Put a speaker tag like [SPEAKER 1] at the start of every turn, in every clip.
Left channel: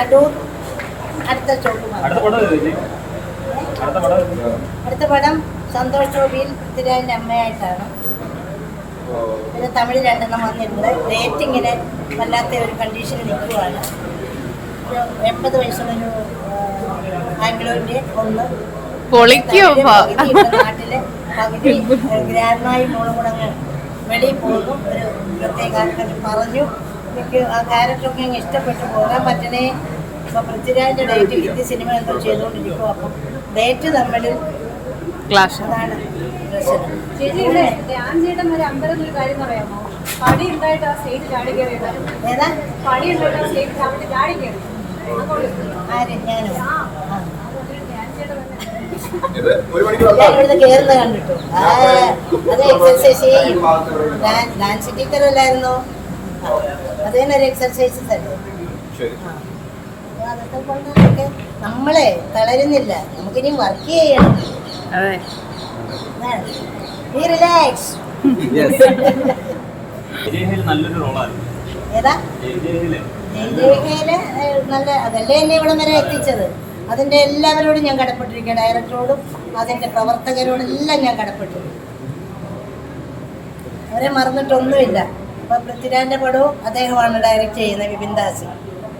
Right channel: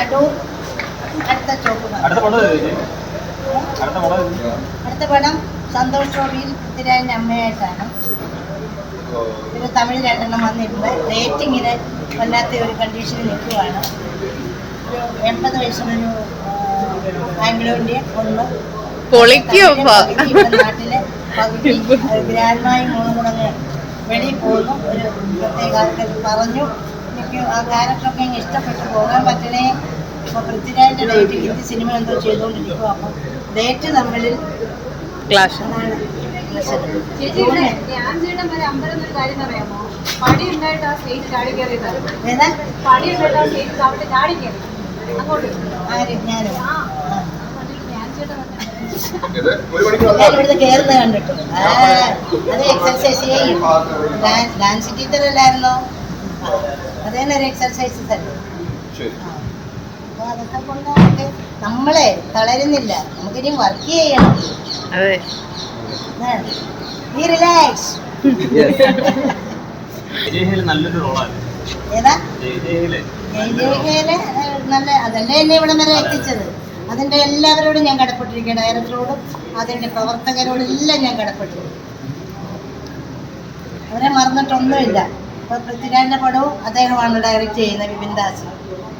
[SPEAKER 1] അടൂർ അടുത്ത
[SPEAKER 2] അടുത്ത പടം
[SPEAKER 1] സന്തോഷ് ഗോപിയിൽ പൃഥ്വിരാജിന്റെ അമ്മയായിട്ടാണ്. പിന്നെ തമിഴ് രണ്ടെണ്ണം വന്നിട്ടുണ്ട്. റേറ്റിങ്ങിന് വല്ലാത്ത ഒരു കണ്ടീഷനിൽ നിൽക്കുവാണ്. ഒരു എൺപത് വയസ്സുള്ളൊരു ആംഗ്ലോന്റെ ഒന്ന്
[SPEAKER 3] പൊളിക്കും
[SPEAKER 1] നാട്ടിലെ പകുതി ഗ്രാൻഡ്മായി മൂന്നും കൂടെ വെളിയിൽ പോകുന്നു. ഒരു പ്രത്യേക പറഞ്ഞു. എനിക്ക് ആ ക്യാരക്ടറൊക്കെ ഇഷ്ടപ്പെട്ടു. പോകാൻ പറ്റണേ. അപ്പോൾ പൃഥ്വിരാജിന്റെ ഡേറ്റ് ഹിന്ദി സിനിമ എന്തോ ചെയ്തുകൊണ്ടിരിക്കും അപ്പം ഡേറ്റ് തമ്മിൽ
[SPEAKER 3] ക്ലാഷ്.
[SPEAKER 1] അതാണ്
[SPEAKER 4] ചേച്ചി ഇവിടെ ധ്യാൻ ചേട്ടൻ വരെ അമ്പലം ഒരു കാര്യം അറിയാമോ പടി ഉണ്ടായിട്ട് ആ സ്റ്റേജ് ചാടി കയറിയത് പടി ഉണ്ടായിട്ട് ആ സ്റ്റേജ് അവിടെ ചാടി കയറി. അങ്ങോട്ട്.
[SPEAKER 1] ആര്?
[SPEAKER 4] ആ. കണ്ടിട്ട് ധ്യാൻ ചേട്ടൻ തന്നെ
[SPEAKER 5] ഇത് ഒരു മണിക്കൂർ
[SPEAKER 1] ഞാൻ ഇവിടുന്ന് കയറുന്നത് കണ്ടിട്ടു. ആ, അത് എക്സസൈസ് ചെയ്യും. ഡാൻ- ഡാൻസ് ടീച്ചർ അല്ലായിരുന്നോ? അത് എക്സർസൈസസ് അല്ലേ എക്സർസൈസ് തന്നെ
[SPEAKER 5] ശരി.
[SPEAKER 1] ആ. അപ്പൊ അതൊക്കെ കൊണ്ടൊക്കെ നമ്മളെ തളരുന്നില്ല. നമുക്കിനി വർക്ക് ചെയ്യണം.
[SPEAKER 3] അതെ.
[SPEAKER 1] റിലാക്സ്
[SPEAKER 2] നല്ലൊരു
[SPEAKER 1] ഏതാ? നല്ല അതല്ലേ എന്നെ ഇവിടം വരെ എത്തിച്ചത്? അതിന്റെ എല്ലാവരോടും ഞാൻ കടപ്പെട്ടിരിക്കുക ഡയറക്ടറോടും അതിന്റെ പ്രവർത്തകരോടും എല്ലാം ഞാൻ കടപ്പെട്ടിരിക്കും അവരെ മറന്നിട്ടൊന്നുമില്ല. ഇപ്പോൾ പൃഥ്വിരാജിന്റെ പടവും അദ്ദേഹമാണ് ഡയറക്റ്റ് ചെയ്യുന്നത് വിപിൻ ദാസ്.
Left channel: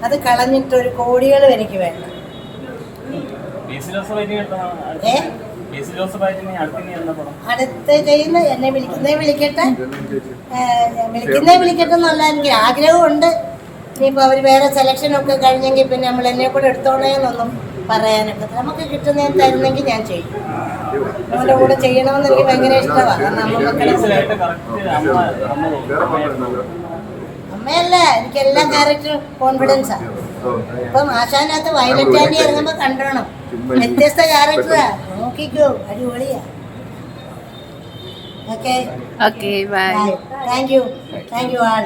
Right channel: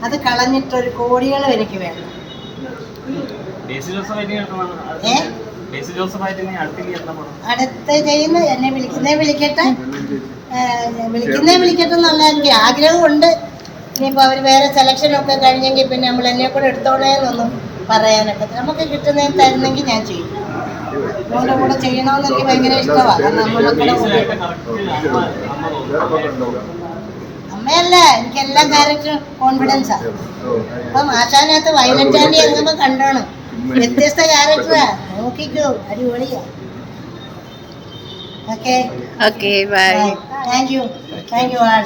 [SPEAKER 1] അത് കളഞ്ഞിട്ട് ഒരു കോടികളും എനിക്ക് വേണ്ട അടുത്ത ചെയ്യുന്ന എന്നെ വിളിക്കുന്നേ വിളിക്കട്ടെ? വിളിക്കുന്നേ വിളിക്കട്ടെ എന്നുള്ള എനിക്ക് ആഗ്രഹമുണ്ട്. ഇനിയിപ്പോൾ അവർ വേറെ സെലക്ഷൻ ഒക്കെ കഴിഞ്ഞെങ്കിൽ പിന്നെ നമ്മൾ എന്നെ കൂടെ എടുത്തോളേന്നൊന്നും പറയാനൊക്കെ നമുക്ക് കിട്ടുന്നതിന് തരുന്നെങ്കിൽ ഞാൻ ചെയ്യും. നമ്മുടെ കൂടെ ചെയ്യണമെന്ന് എനിക്ക് ഭയങ്കര ഇഷ്ടമാണ് അമ്മയല്ല? എനിക്ക് എല്ലാ ക്യാരക്ടറും കോൺഫിഡൻസാണ് ഇപ്പം ആശാനകത്ത് വയലറ്റ് ആൻഡി ഇറങ്ങുമ്പോൾ കണ്ടോണം. വ്യത്യസ്ത ക്യാരക്ടറാ നോക്കിക്കോ. അടിപൊളിയാ. Okay
[SPEAKER 3] okay bye
[SPEAKER 1] thank you thank you all.